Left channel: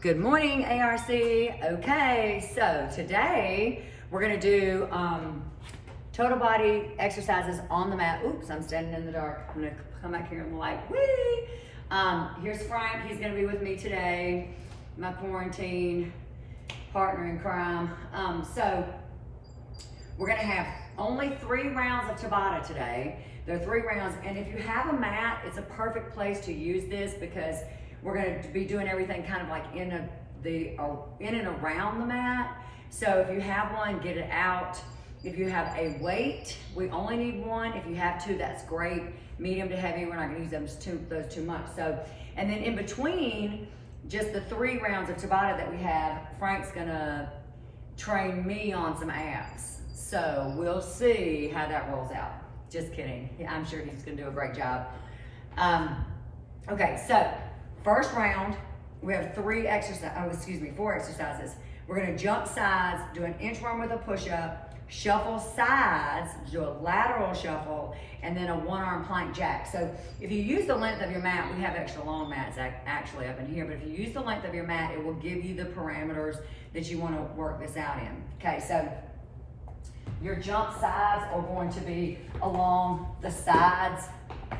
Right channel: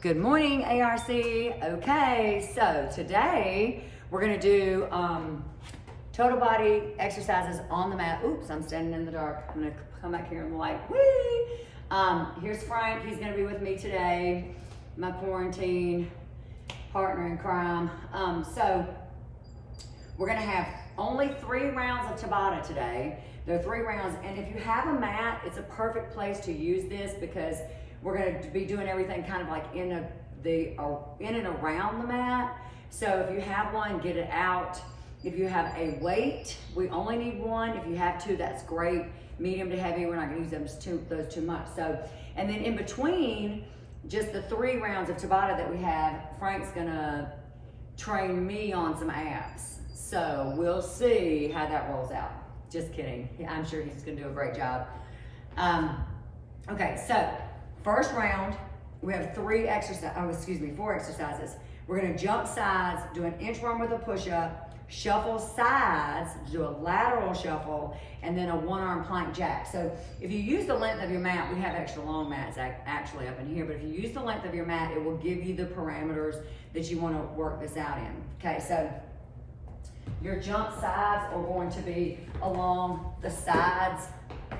Good morning, ARC. Okay, so today we're gonna do total body exercises on the mat. Oops, I'm standing in the dark. I'm gonna come back here in the light. Whee! Here's Frank. He's gonna be with me today, my quarantine partner in crime. So we're gonna have only 3 rounds of Tabata today. There are 3 rounds, and if you have a mat, it's a perfect place to use this because we're going to be doing everything kind of like in and around the mat. So if you have one, get it out. If you have a weight, we only need 1. If you have 2, that's great. Medium to heavy, we're not going to use those too much. So, and then in between just the 3 rounds of Tabata that we have, Frank's going to train me on some abs. So we'll see how that rolls out. Just kidding. I'm sure he's going to do a great job. Okay, so first round, we have 4 exercises. We're gonna jump sides, do an inchworm with a push-up, shuffle sides, do a lateral shuffle, and then a 1-arm plank jack. So if you use the length of your mat, we have extra long mats actually up in here, but if you use the length of your mat, it will give you the parameters that you wanna work this out in. Okay, so your jump sides are going to be along the sides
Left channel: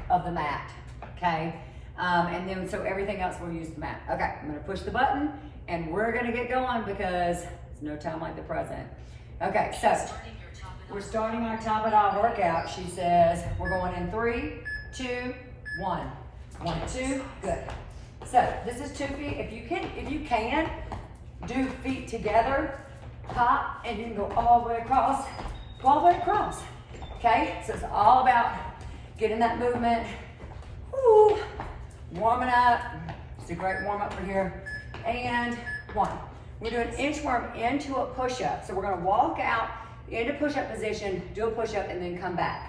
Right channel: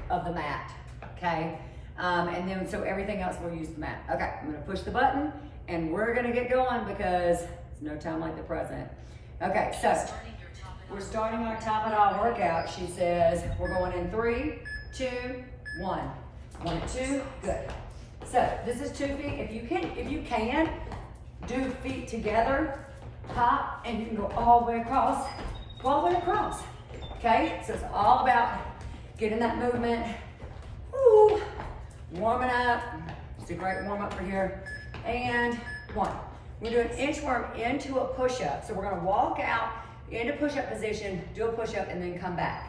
of the mat, okay? And then, so everything else we'll use the mat. Okay, I'm gonna push the button and we're gonna get going because it's no time like the present. Okay, so we're starting our Tabata workout. She says we're going in 3, 2, 1. 1, 2, good. So this is 2 feet. If you can, do feet together, hop, and you can go all the way across, okay? So it's all about getting that movement. Woo. Warming up. It's a great warm up for here. And 1. We're doing inchworm into a push-up. So we're gonna walk out into push-up position, do a push-up, and then come back.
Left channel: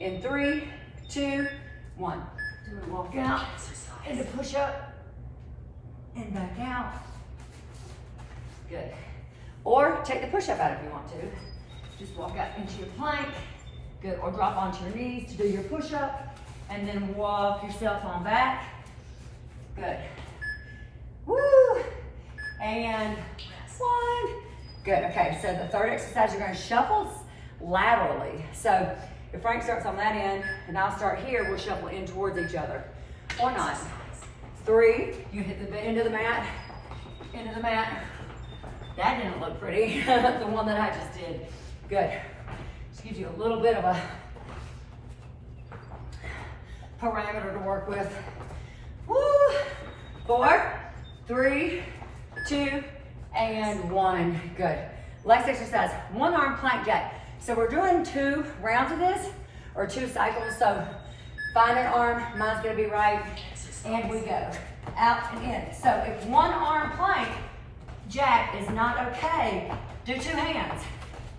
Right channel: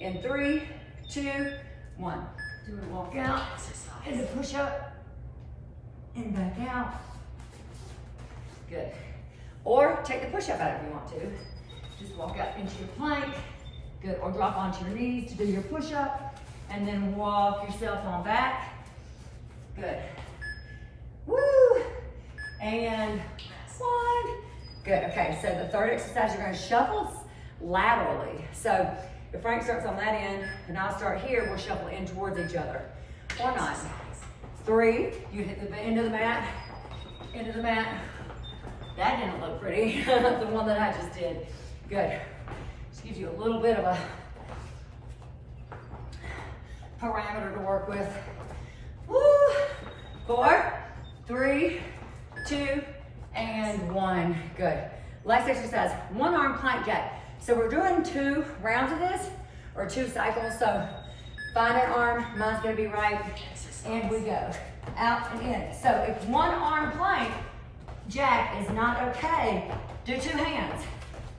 In 3, 2, 1. So we walk out into push-up and back out. Good. Or take the push-up out if you want to. Just walk out into your plank. Good. Or drop onto your knees to do your push-up, and then walk yourself on back. Good. Woo! And 1. Good. Okay, so the 3rd exercise, you're going to shuffle laterally. So if Frank starts on that end and I'll start here, we'll shuffle in towards each other. Or not. 3, you hit the end of the mat, into the mat. That didn't look pretty, the one that I just did. Good. Just gives you a little bit of a parameter to work with. Woo! 4, 3, 2, and 1. Good. Last exercise, 1-arm plank jack. So we're doing 2 rounds of this, or 2 cycles. So find an arm, mine's gonna be right, and we go. Out and in. So if 1-arm plank jack is not okay, do 2 hands.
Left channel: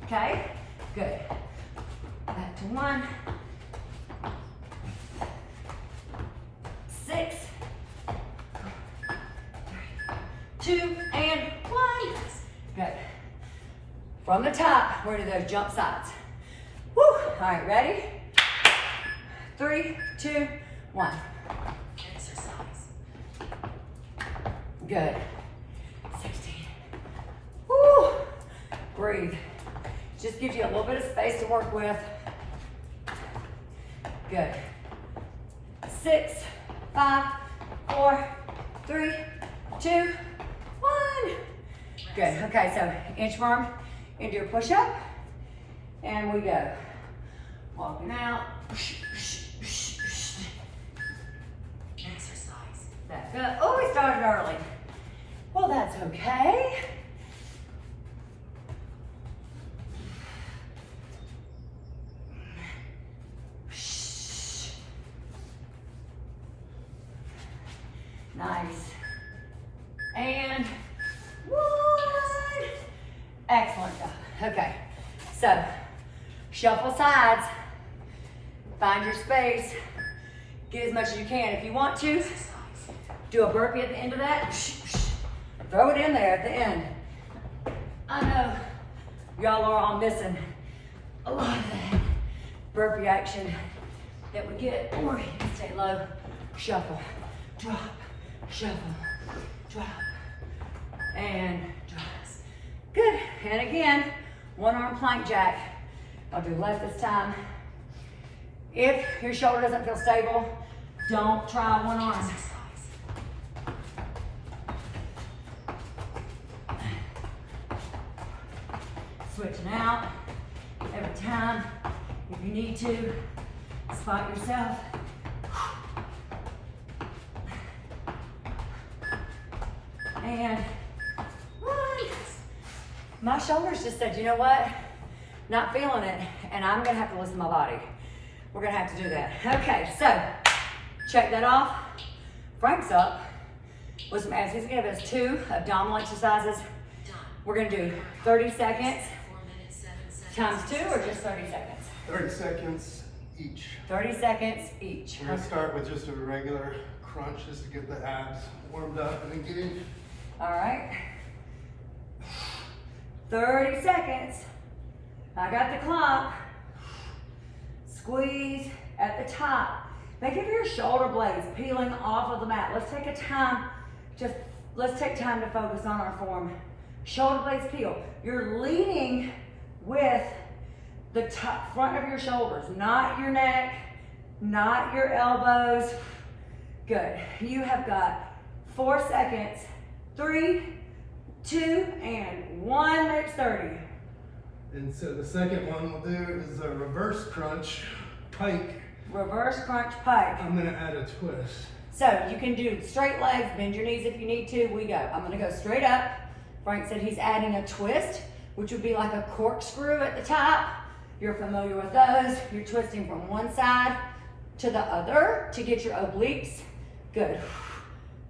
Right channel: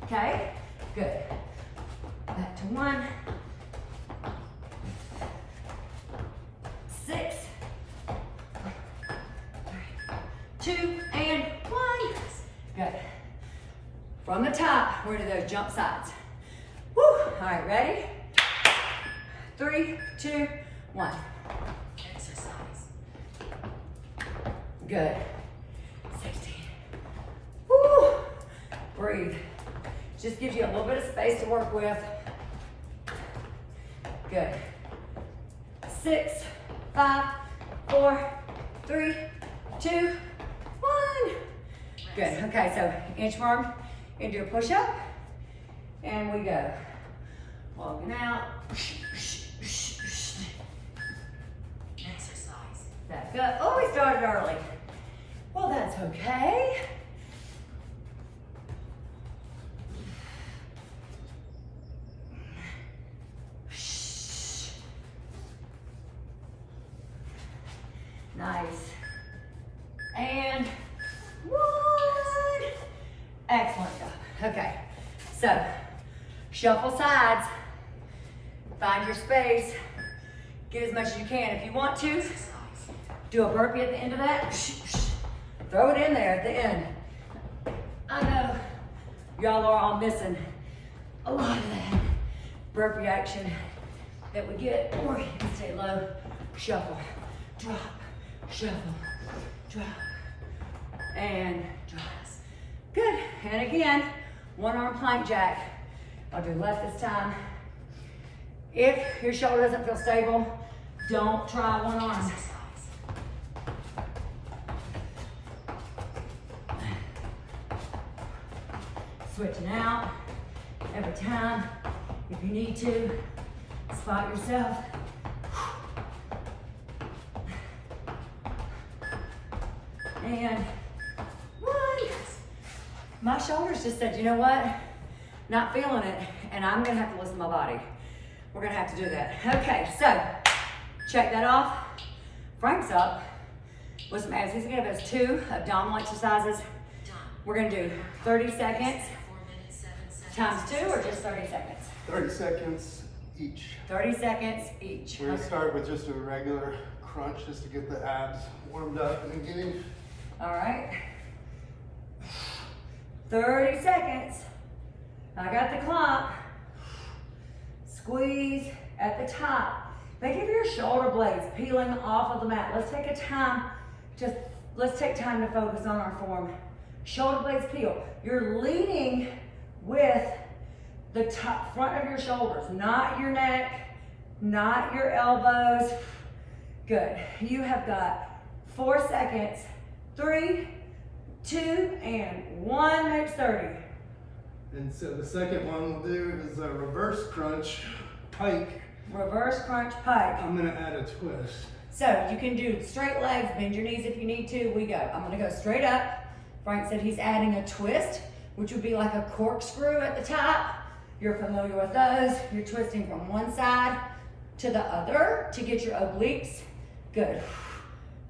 Okay? Good. Back to 1. 6, 3, 2, and 1. Good. From the top, we're gonna do those jump sides. Woo! All right, ready? 3, 2, 1. Exercise. Good. 16. Woo! Breathe. Just gives you a little bit of space to work with. Good. 6, 5, 4, 3, 2, 1. Good. Okay, so inchworm into your push-up, and we go. Walking out. Exercise. Back up. Oh, we started early. Well, that's okay. Nice. And 1. Excellent job. Okay, so shuffle sides, find your space, get as much as you can. If you want to, do a burpee at the end of that. Throw it in there at the end. I know y'all are all missing a lot of that burpee action that we get. Or you can stay low, shuffle, drop, shuffle, drop, and drop. Good, and again, one arm plank jack. I'll do left this time. If your shoulder doesn't feel stable, don't try one arm. Switching out every time. If you need to, spot yourself. And one. My shoulders just said, you know what? Not feeling it, and I'm gonna have to listen to my body. We're gonna have to do that. Okay, so check that off. Frank's up with some abs. He's gonna give us 2 abdominal exercises. We're gonna do 30 seconds times 2 or just 30 seconds? 30 seconds each. 30 seconds each. We're gonna start with just a regular crunch just to get the abs warmed up in the beginning. All right. 30 seconds. I got the clock. Squeeze at the top. Think of your shoulder blades peeling off of the mat. Let's take time to focus on our form. Shoulder blades peel. You're leaning with the top front of your shoulders, not your neck, not your elbows. Good. You have got 4 seconds. 3, 2, and 1. Next 30. And so the second one we'll do is a reverse crunch pike. Reverse crunch pike. I'm gonna add a twist. So you can do straight legs, bend your knees if you need to. We go. I'm gonna go straight up. Frank said he's adding a twist, which would be like a corkscrew at the top. You're familiar with those. You're twisting from one side to the other to get your obliques. Good.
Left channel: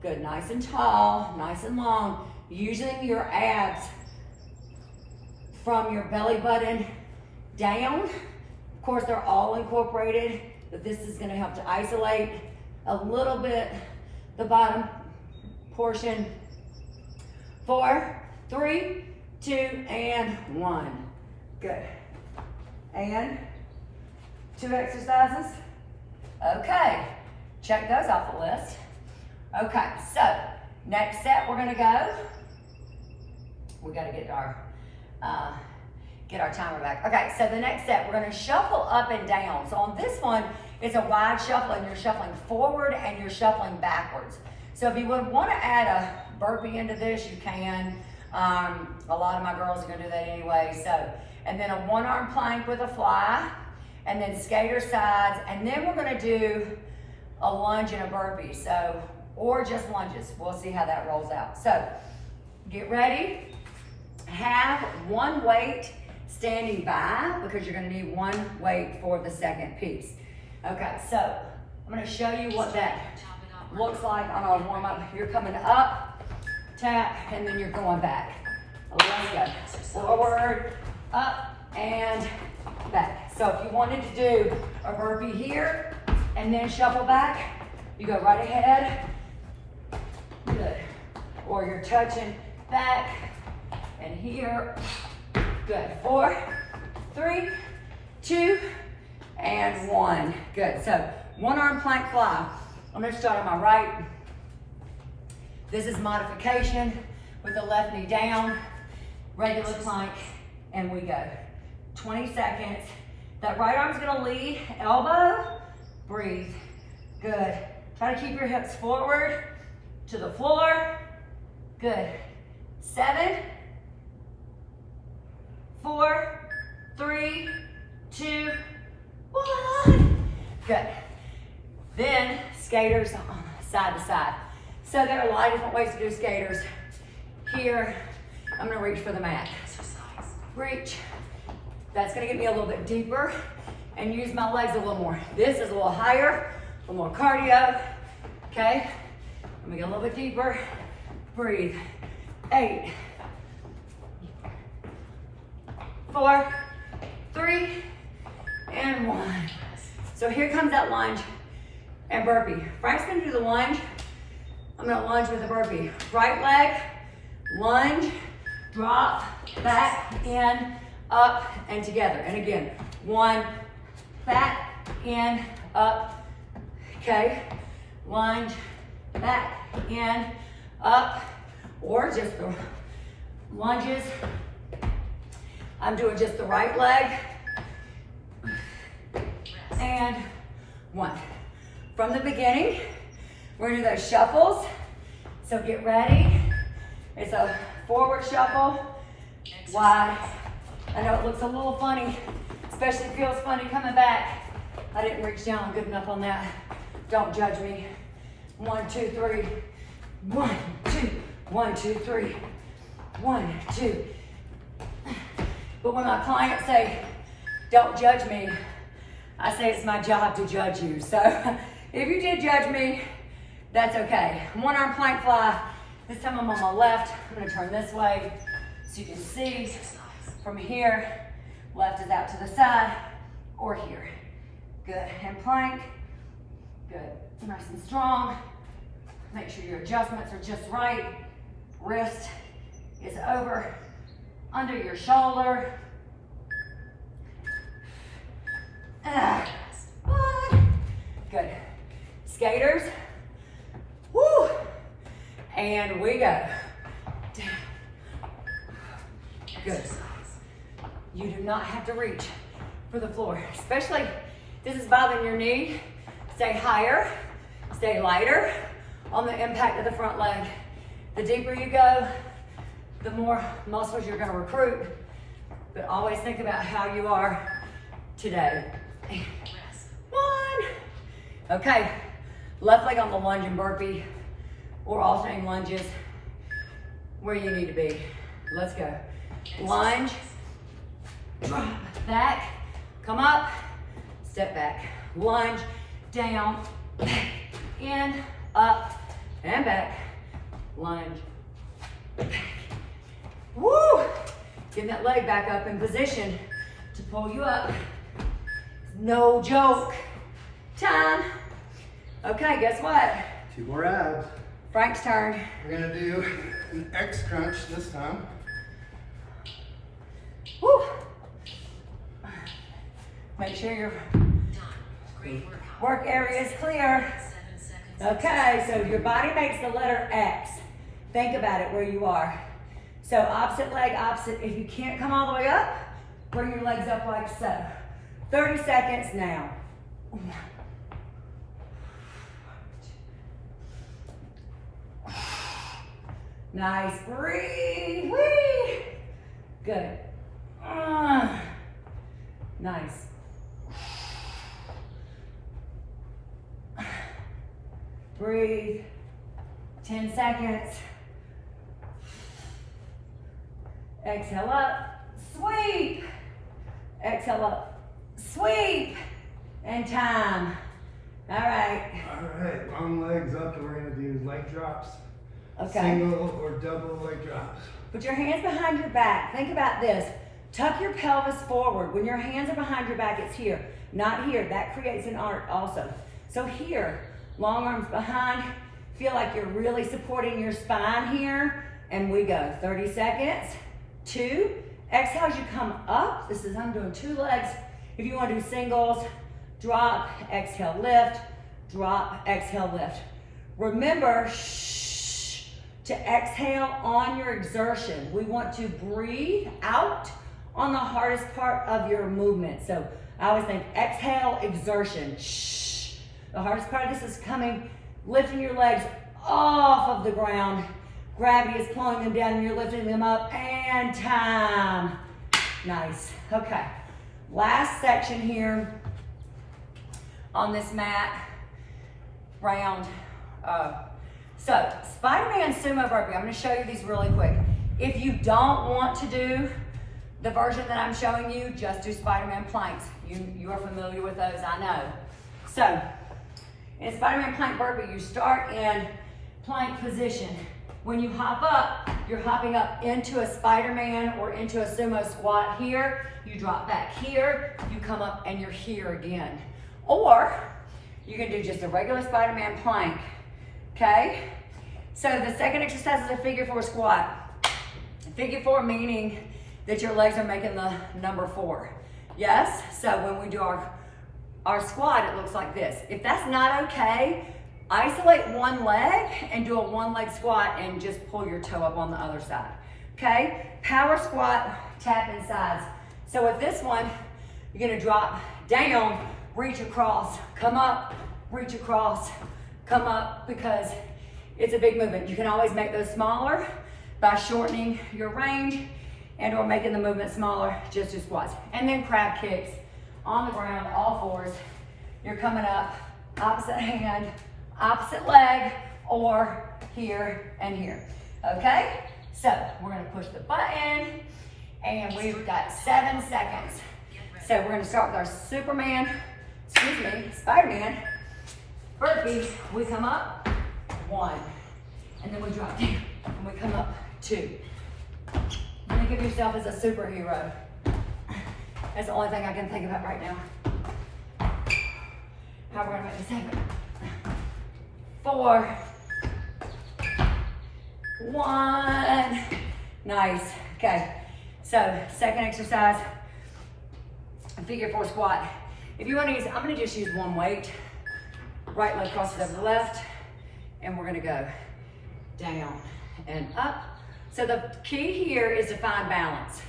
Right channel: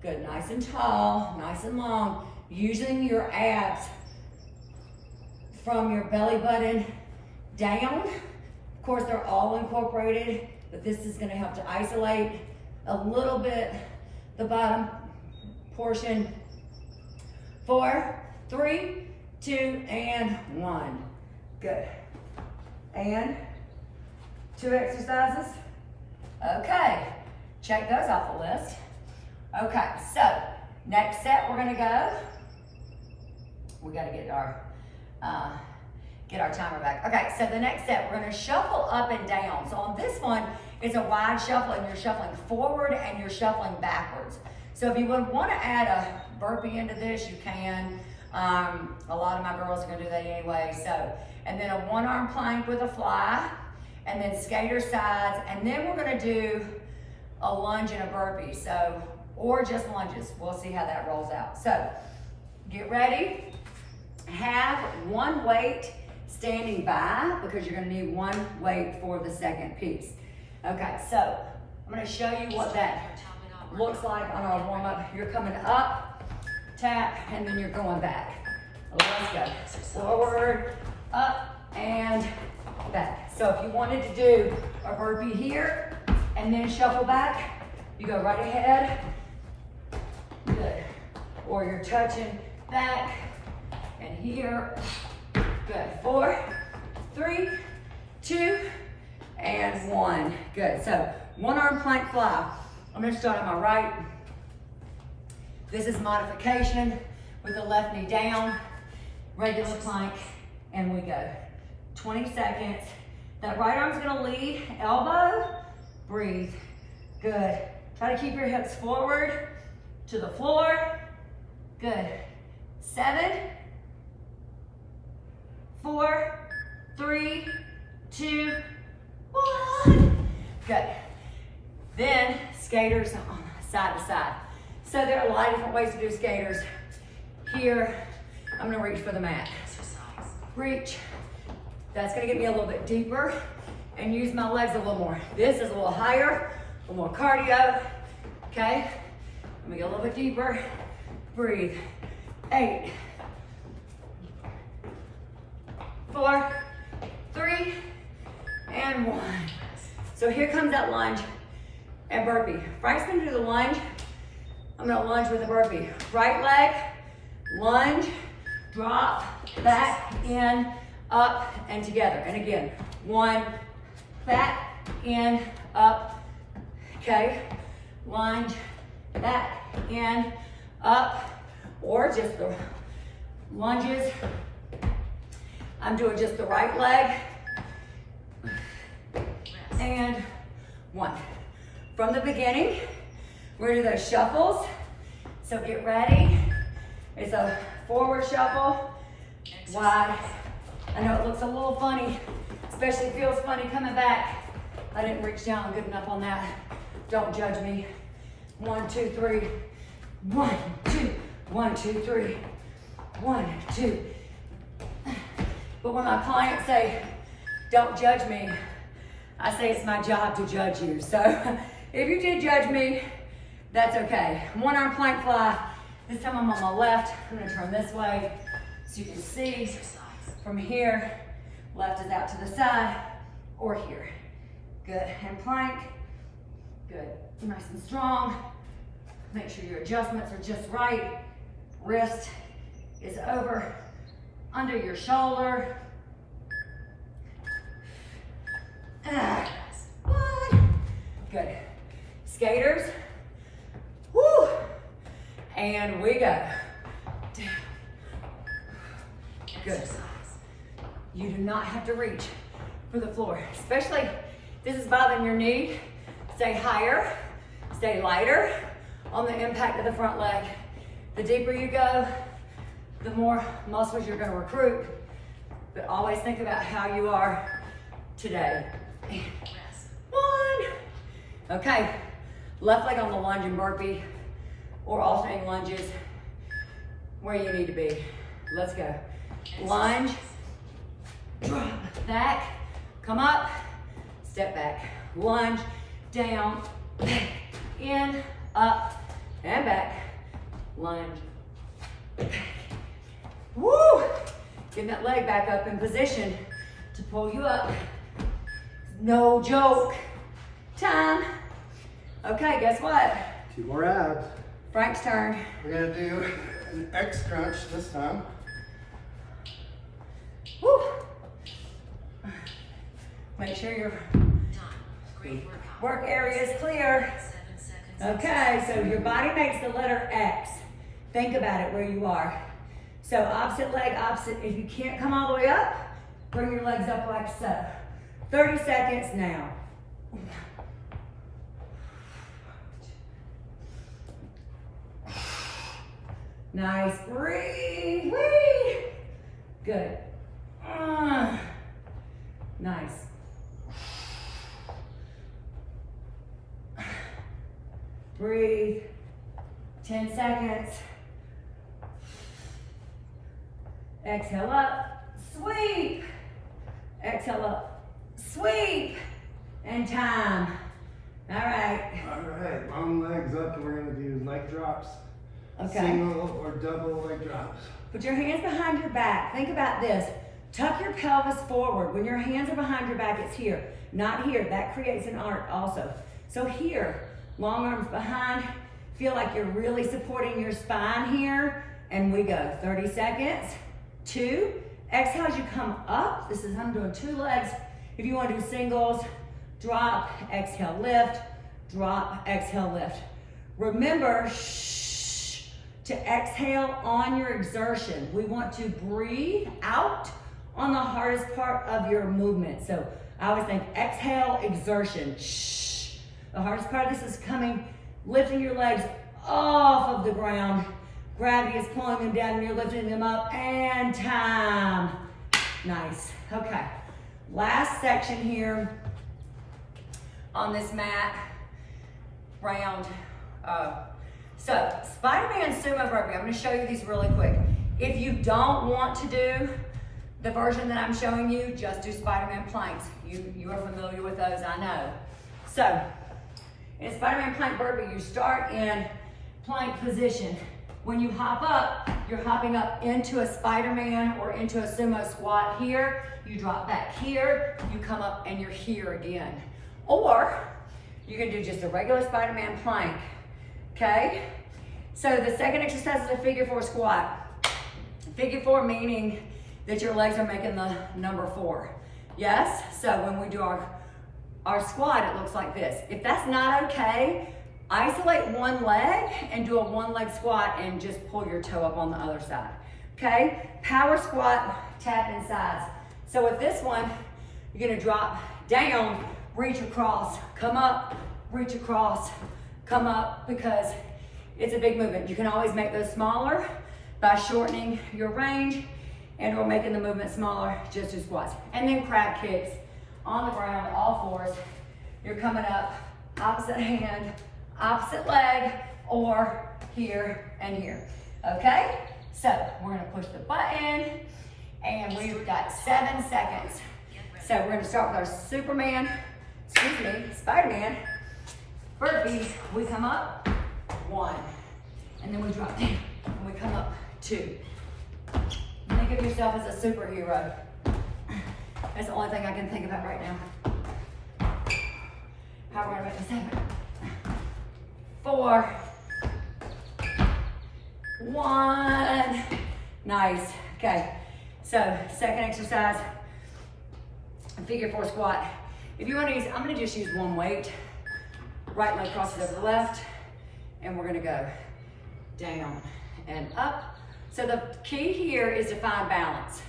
Good, nice and tall, nice and long. Using your abs from your belly button down. Of course, they're all incorporated, but this is gonna help to isolate a little bit the bottom portion. 4, 3, 2, and 1. Good. And 2 exercises. Okay, check those off the list. Okay, so next set we're gonna go. We gotta get our timer back. Okay, so the next set we're gonna shuffle up and down. So on this one, it's a wide shuffle and you're shuffling forward and you're shuffling backwards. So if you would wanna add a burpee into this, you can. A lot of my girls are gonna do that anyway. So, and then a 1-arm plank with a fly, and then skater sides, and then we're gonna do a lunge and a burpee. So, or just lunges. We'll see how that rolls out. So, get ready. Have 1 weight standing by because you're gonna need 1 weight for the second piece. Okay, so I'm gonna show you what that looks like on our warm up. You're coming up, tap, and then you're going back. Let's go. Forward, up, and back. So if you wanted to do a burpee here and then shuffle back, you go right ahead. Good. Or you're touching back and here. Good. 4, 3, 2, and 1. Good. So 1-arm plank fly. I'm going to start on my right. This is modification with the left knee down, regular plank, and we go. 20 seconds. That right arm's going to lead, elbow, breathe. Good. Try to keep your hips forward to the floor. Good. 7, 4, 3, 2, 1. Good. Then skaters on side to side. So there are a lot of different ways to do skaters. Here, I'm gonna reach for the mat. Reach. That's gonna get me a little bit deeper and use my legs a little more. This is a little higher, a little more cardio. Okay? Let me get a little bit deeper. Breathe. 8, 4, 3, and 1. So here comes that lunge and burpee. Frank's gonna do the lunge. I'm gonna lunge with the burpee. Right leg, lunge, drop, back, in, up, and together. And again, 1, back, in, up, okay? Lunge, back, in, up, or just the lunges. I'm doing just the right leg. And 1. From the beginning, we're gonna do those shuffles. So get ready. It's a forward shuffle, wide. I know it looks a little funny, especially feels funny coming back. I didn't reach down good enough on that. Don't judge me. 1, 2, 3. 1, 2, 1, 2, 3. 1, 2. But when my clients say, don't judge me, I say it's my job to judge you. So if you did judge me, that's okay. 1 arm plank fly. This time I'm on my left. I'm gonna turn this way so you can see from here. Left is out to the side or here. Good, and plank. Good, nice and strong. Make sure your adjustments are just right. Wrist is over, under your shoulder. Good. Skaters. Woo. And we go. Down. Good. You do not have to reach for the floor, especially if this is bothering your knee. Stay higher, stay lighter on the impact of the front leg. The deeper you go, the more muscles you're gonna recruit. But always think about how you are today. And 1. Okay, left leg on the lunge and burpee, or alternating lunges, where you need to be. Let's go. Lunge, drop, back, come up, step back. Lunge, down, back, in, up, and back. Lunge, back. Woo! Getting that leg back up in position to pull you up. No joke. Time. Okay, guess what? 2 more abs. Frank's turn. We're gonna do an X crunch this time. Woo! Make sure your work area is clear. Okay, so your body makes the letter X. Think about it where you are. So opposite leg, opposite. If you can't come all the way up, bring your legs up like so. 30 seconds now. Nice, breathe, whee. Good. Nice. Breathe. 10 seconds. Exhale up, sweep. Exhale up, sweep. And time. All right. All right, long legs up, and we're gonna do leg drops. Okay. Single or double leg drops. Put your hands behind your back. Think about this. Tuck your pelvis forward. When your hands are behind your back, it's here, not here. That creates an arc also. So here, long arms behind. Feel like you're really supporting your spine here. And we go. 30 seconds. 2. Exhale as you come up. This is, I'm doing 2 legs. If you want to do singles, drop, exhale, lift, drop, exhale, lift. Remember, to exhale on your exertion. We want to breathe out on the hardest part of your movement. So I always think exhale, exertion. The hardest part of this is coming, lifting your legs off of the ground. Gravity is pulling them down and you're lifting them up, and time. Nice, okay. Last section here on this mat, round. So Spider-Man sumo burpee, I'm gonna show you these really quick. If you don't want to do the version that I'm showing you, just do Spider-Man planks. You are familiar with those, I know. So in Spider-Man plank burpee, you start in plank position. When you hop up, you're hopping up into a Spider-Man or into a sumo squat here. You drop back here, you come up and you're here again. Or you can do just a regular Spider-Man plank, okay? So the second exercise is a figure 4 squat. Figure 4 meaning that your legs are making the number 4. Yes, so when we do our squat, it looks like this. If that's not okay, Isolate one leg and do a one leg squat and just pull your toe up on the other side. Okay? Power squat, tap in sides. So with this one, you're gonna drop down, reach across, come up, reach across, come up, because it's a big movement. You can always make those smaller by shortening your range and or making the movement smaller, just do squats. And then crab kicks on the ground, all fours. You're coming up, opposite hand, opposite leg, or here and here. Okay? So we're gonna push the button, and we've got 7 seconds. So we're gonna start with our Spider-Man burpees. We come up, 1, and then we drop down, and we come up, 2. Think of yourself as a superhero. That's the only thing I can think about right now. How we're gonna make this happen. 4, 1. Nice. Okay. So second exercise, figure 4 squat. If you want to use, I'm gonna just use one weight. Right leg crosses over the left, and we're gonna go down and up. So the key here is to find balance.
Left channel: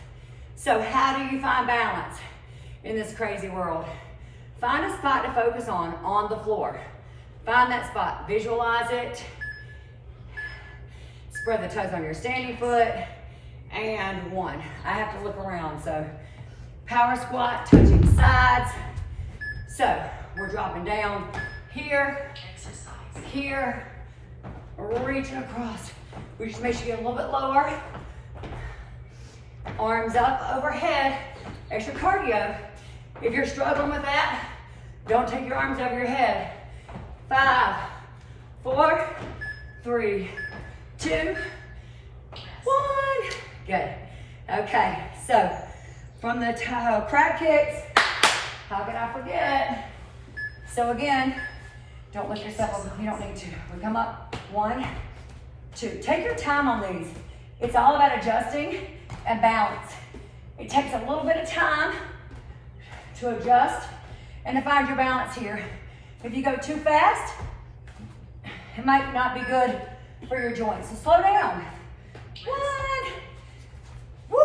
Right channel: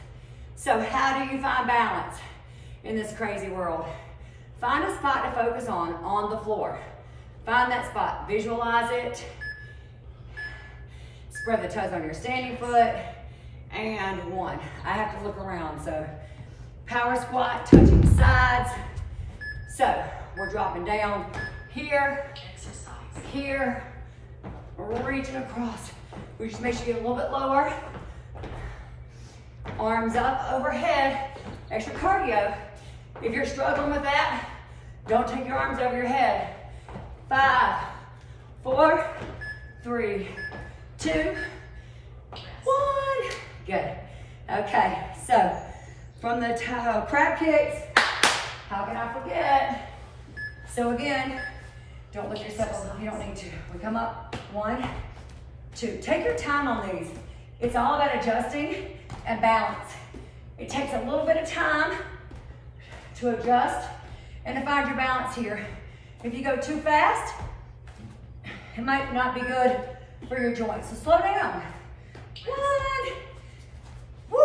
So how do you find balance in this crazy world? Find a spot to focus on the floor. Find that spot, visualize it. Spread the toes on your standing foot, and 1. I have to look around, so power squat, touching sides. So we're dropping down here, here, reaching across. We just make sure you get a little bit lower. Arms up overhead, extra cardio. If you're struggling with that, don't take your arms over your head. 5, 4, 3, 2, 1. Good. Okay, so from the crab kicks, how can I forget? So again, don't lift yourself up if you don't need to. We come up, 1, 2. Take your time on these. It's all about adjusting and balance. It takes a little bit of time to adjust and to find your balance here. If you go too fast, it might not be good for your joints. So slow down. 1. Woo.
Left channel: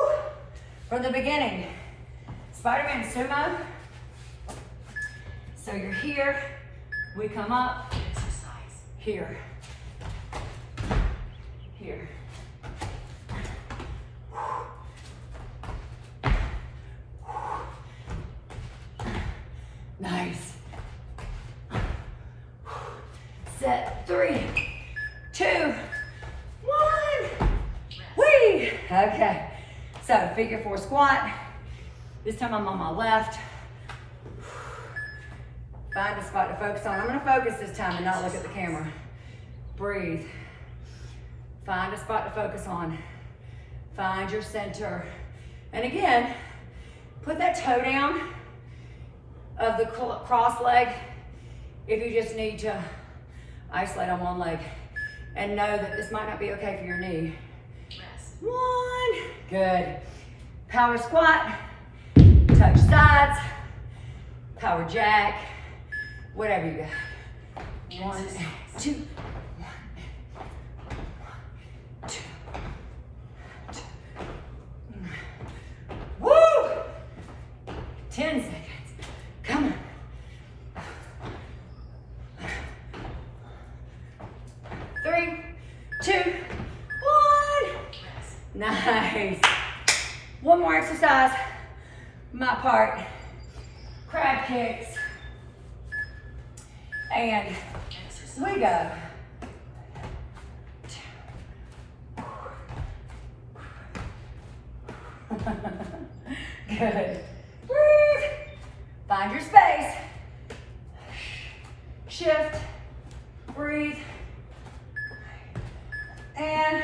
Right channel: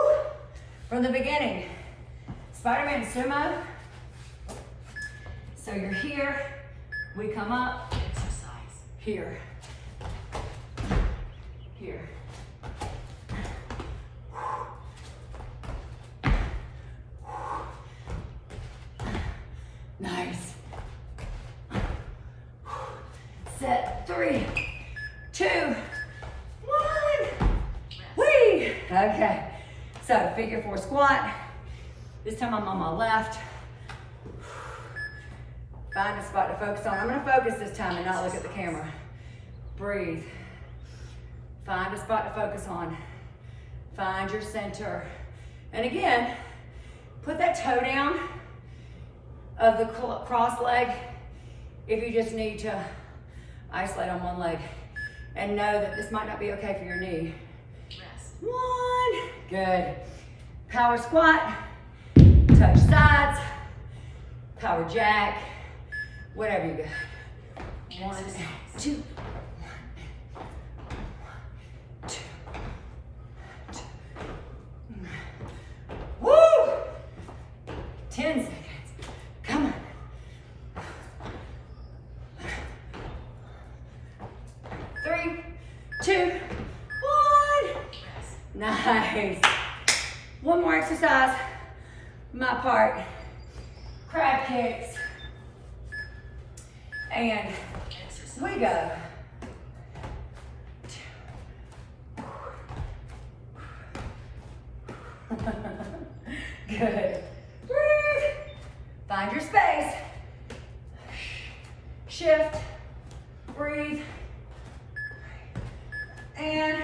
From the beginning. Spider-Man sumo. So you're here. We come up. Here. Here. Nice. Set. 3, 2, 1. Whee! Okay. So figure 4 squat. This time I'm on my left. Find a spot to focus on. I'm gonna focus this time and not look at the camera. Breathe. Find a spot to focus on. Find your center. And again, put that toe down of the cross leg if you just need to isolate on one leg. And know that this might not be okay for your knee. 1. Good. Power squat. Touch sides. Power jack. Whatever you got. 1, 2. 2. Woo! 10 seconds. Come on. 3, 2, 1. Nice. One more exercise. My part. Crab kicks. And we go. Good. Breathe. Find your space. Shift. Breathe. And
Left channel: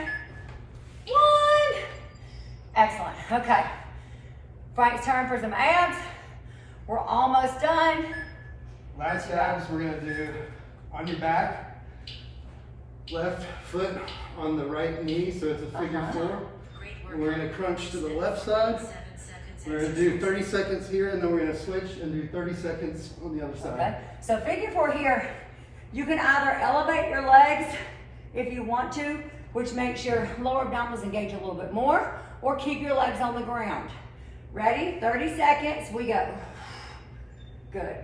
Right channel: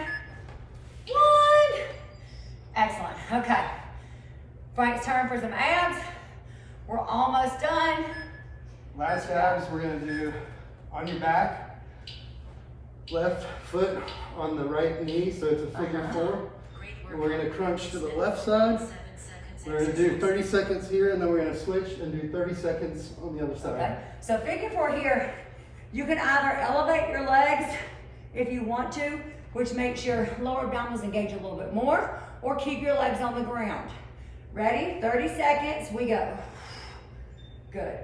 1. Excellent. Okay. Frank's turn for some abs. We're almost done. Last abs we're gonna do on your back, left foot on the right knee, so it's a figure 4. And we're gonna crunch to the left side. We're gonna do 30 seconds here, and then we're gonna switch and do 30 seconds on the other side. Okay, so figure 4 here, You can either elevate your legs if you want to, which makes your lower abdominals engage a little bit more, or keep your legs on the ground. Ready? 30 seconds, we go. Good.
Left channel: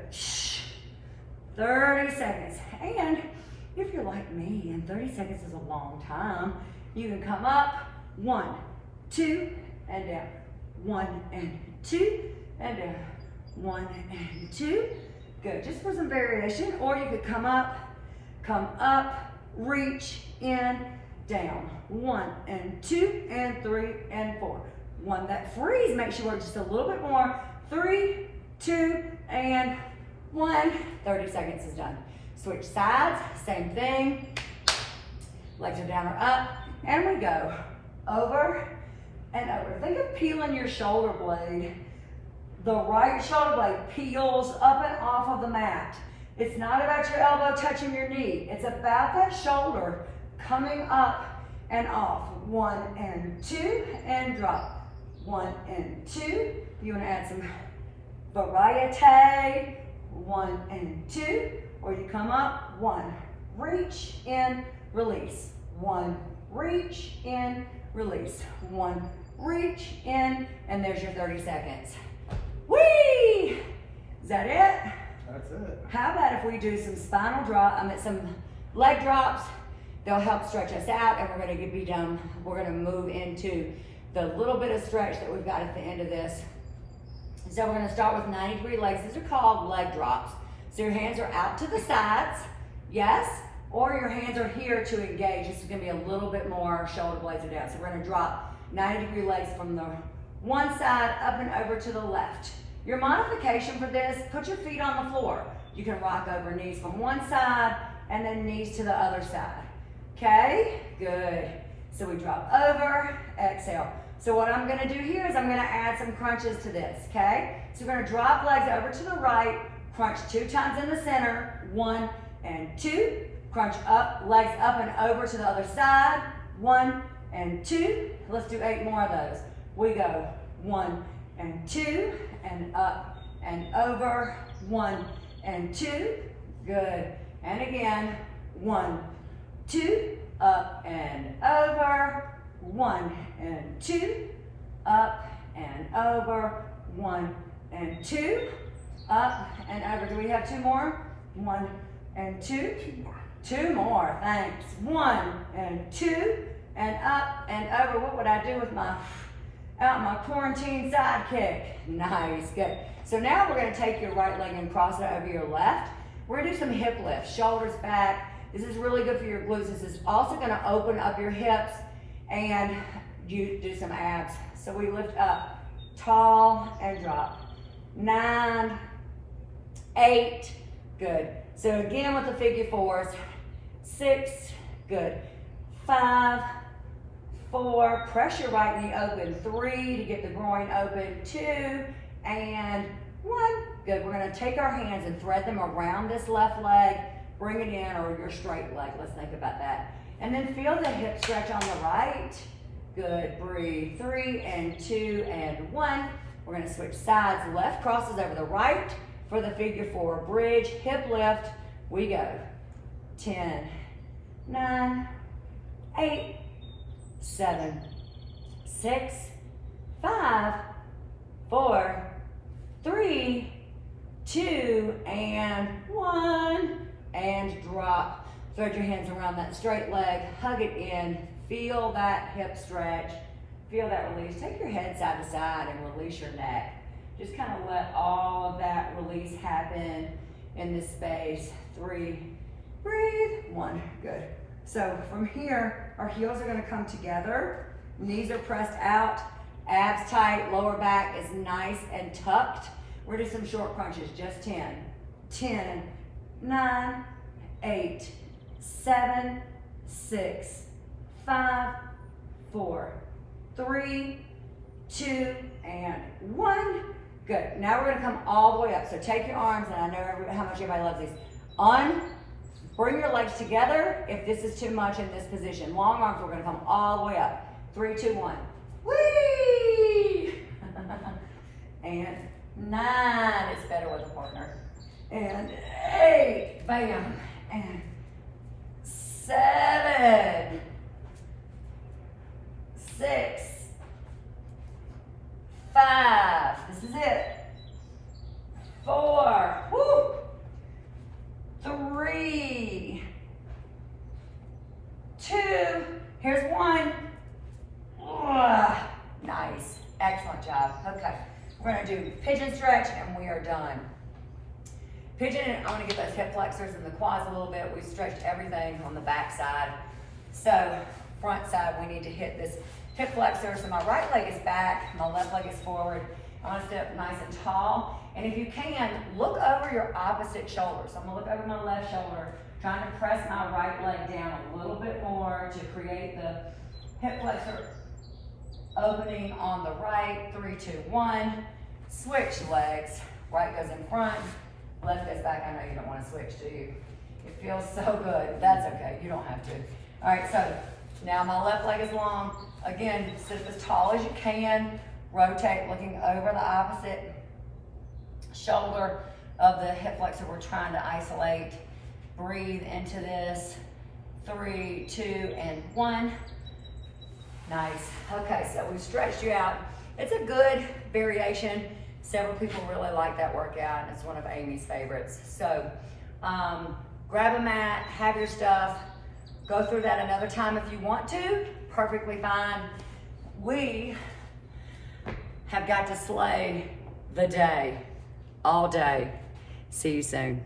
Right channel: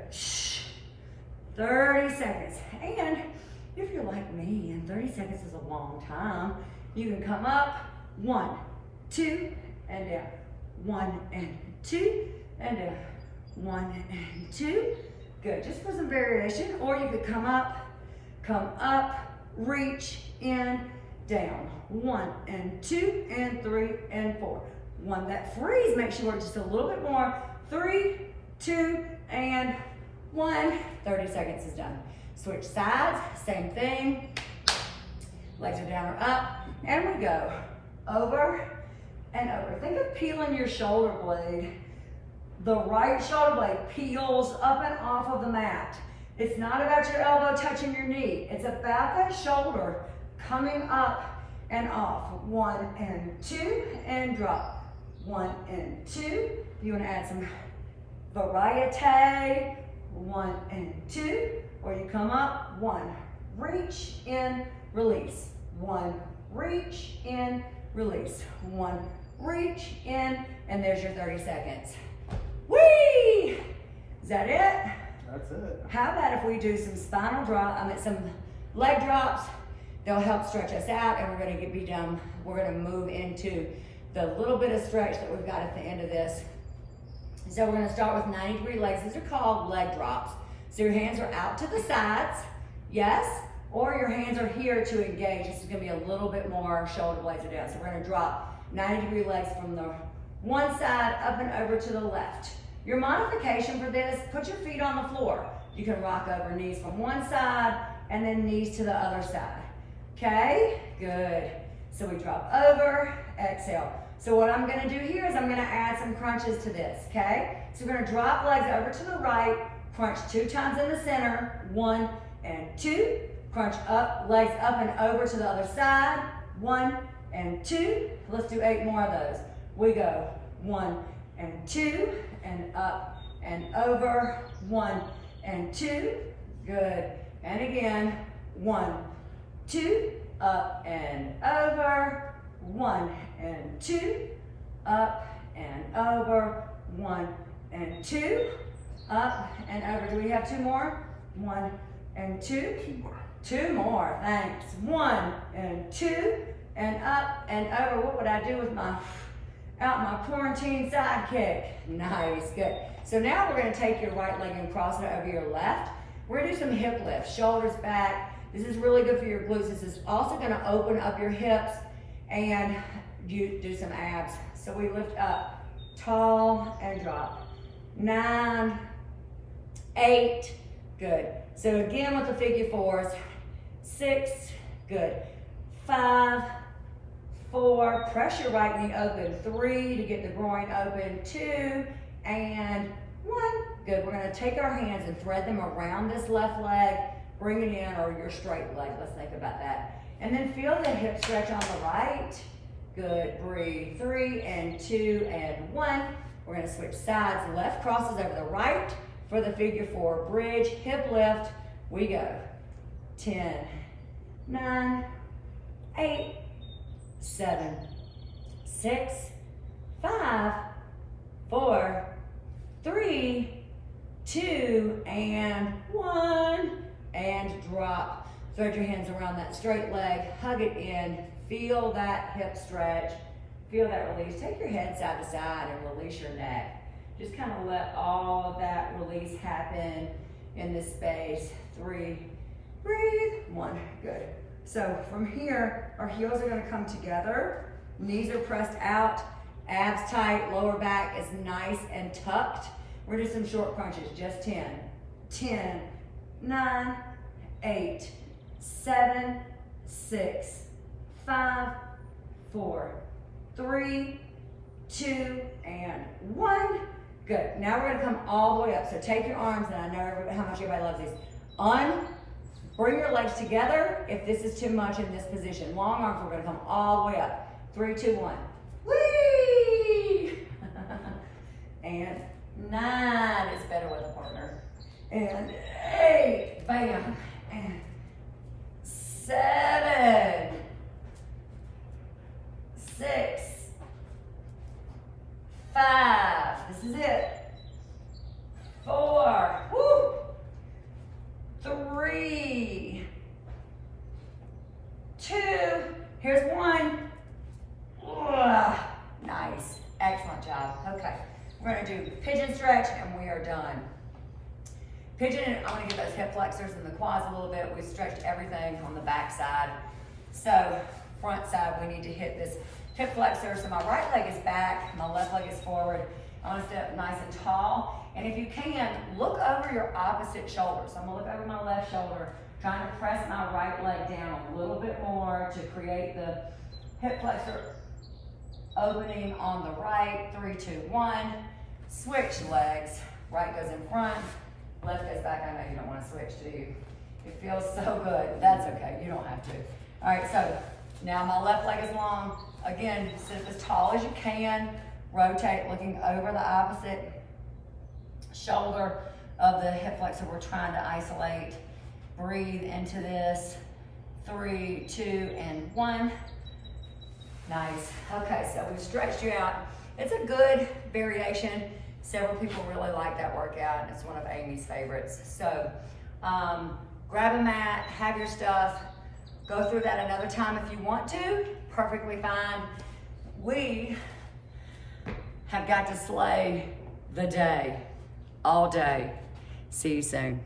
30 seconds. And if you're like me, and 30 seconds is a long time, you can come up, 1, 2, and down. 1 and 2, and down. 1 and 2. Good, just for some variation. Or you could come up, reach, in, down. 1 and 2, and 3, and 4. 1, that freeze makes you work just a little bit more. 3, 2, and 1. 30 seconds is done. Switch sides, same thing. Legs are down or up, and we go over and over. Think of peeling your shoulder blade. The right shoulder blade peels up and off of the mat. It's not about your elbow touching your knee. It's about that shoulder coming up and off. 1 and 2, and drop. 1 and 2. You want to add some variety. 1 and 2. Or you come up, 1, reach, in, release. 1, reach, in, release. 1, reach, in, and there's your 30 seconds. Whee! Is that it? That's it. How about if we do some spinal drop, some leg drops? They'll help stretch us out, and we're gonna be done. We're gonna move into the little bit of stretch that we've got at the end of this. So we're gonna start with 90-degree legs. These are called leg drops. So your hands are out to the sides, yes, or your hands are here to engage. This is gonna be a little bit more shoulder blades are down. So we're gonna drop 90-degree legs from the one side up and over to the left. Your modification for this, put your feet on the floor. You can rock over knees from one side and then knees to the other side. Okay, good. So we drop over, exhale. So what I'm gonna do here is I'm gonna add some crunches to this, okay? So we're gonna drop legs over to the right, crunch 2 times in the center, 1 and 2. Crunch up, legs up and over to the other side, 1 and 2. Let's do 8 more of those. We go 1 and 2, and up and over, 1 and 2. Good. And again, 1, 2, up and over, 1 and 2, up and over, 1 and 2, up and over. Do we have 2 more? 1 and 2. 2 more. 2 more, thanks. 1 and 2, and up and over. What would I do with my quarantine sidekick? Nice, good. So now we're gonna take your right leg and cross it over your left. We're gonna do some hip lifts, shoulders back. This is really good for your glutes. This is also gonna open up your hips and you do some abs. So we lift up, tall and drop. 9, 8, good. So again with the figure 4s, 6, good. 5, 4, press your right knee open. 3 to get the groin open. 2 and 1. Good. We're going to take our hands and thread them around this left leg. Bring it in, or your straight leg. Let's think about that. And then feel the hip stretch on the right. Good. Breathe. 3 and 2 and 1. We're going to switch sides. Left crosses over the right for the figure 4 bridge. Hip lift. We go. 10, 9, 8, 7, 6, 5, 4, 3, 2, and 1. And drop. Thread your hands around that straight leg. Hug it in. Feel that hip stretch. Feel that release. Take your head side to side and release your neck. Just kind of let all of that release happen in this space. 3, breathe. 1, good. So from here, our heels are gonna come together. Knees are pressed out, abs tight, lower back is nice and tucked. We're gonna do some short crunches, just 10. 10, 9, 8, 7, 6, 5, 4, 3, 2, and 1. Good. Now we're gonna come all the way up. So take your arms, and I know how much everybody loves these. Bring your legs together if this is too much in this position. Long arms, we're gonna come all the way up. 3, 2, 1. Whee! And 9, it's better with a partner. And 8, bam. and 7, 6, 5, this is it, 4, woo, 3, 2, here's 1, nice, excellent job. Okay, we're gonna do pigeon stretch and we are done. Pigeon, I wanna get those hip flexors and the quads a little bit. We've stretched everything on the back side. So front side, we need to hit this hip flexor. So my right leg is back, my left leg is forward. I wanna sit up nice and tall. And if you can, look over your opposite shoulder. So I'm gonna look over my left shoulder, trying to press my right leg down a little bit more to create the hip flexor opening on the right. 3, 2, 1. Switch legs. Right goes in front, left goes back. I know you don't want to switch, do you? It feels so good. That's okay, you don't have to. All right, so now my left leg is long. Again, sit up as tall as you can. Rotate, looking over the opposite shoulder of the hip flexor we're trying to isolate. Breathe into this. 3, 2, and 1. Nice. Okay, so we've stretched you out. It's a good variation. Several people really like that workout, and it's one of Amy's favorites. So grab a mat, have your stuff, go through that another time if you want to, perfectly fine. We have got to slay the day, all day. See you soon.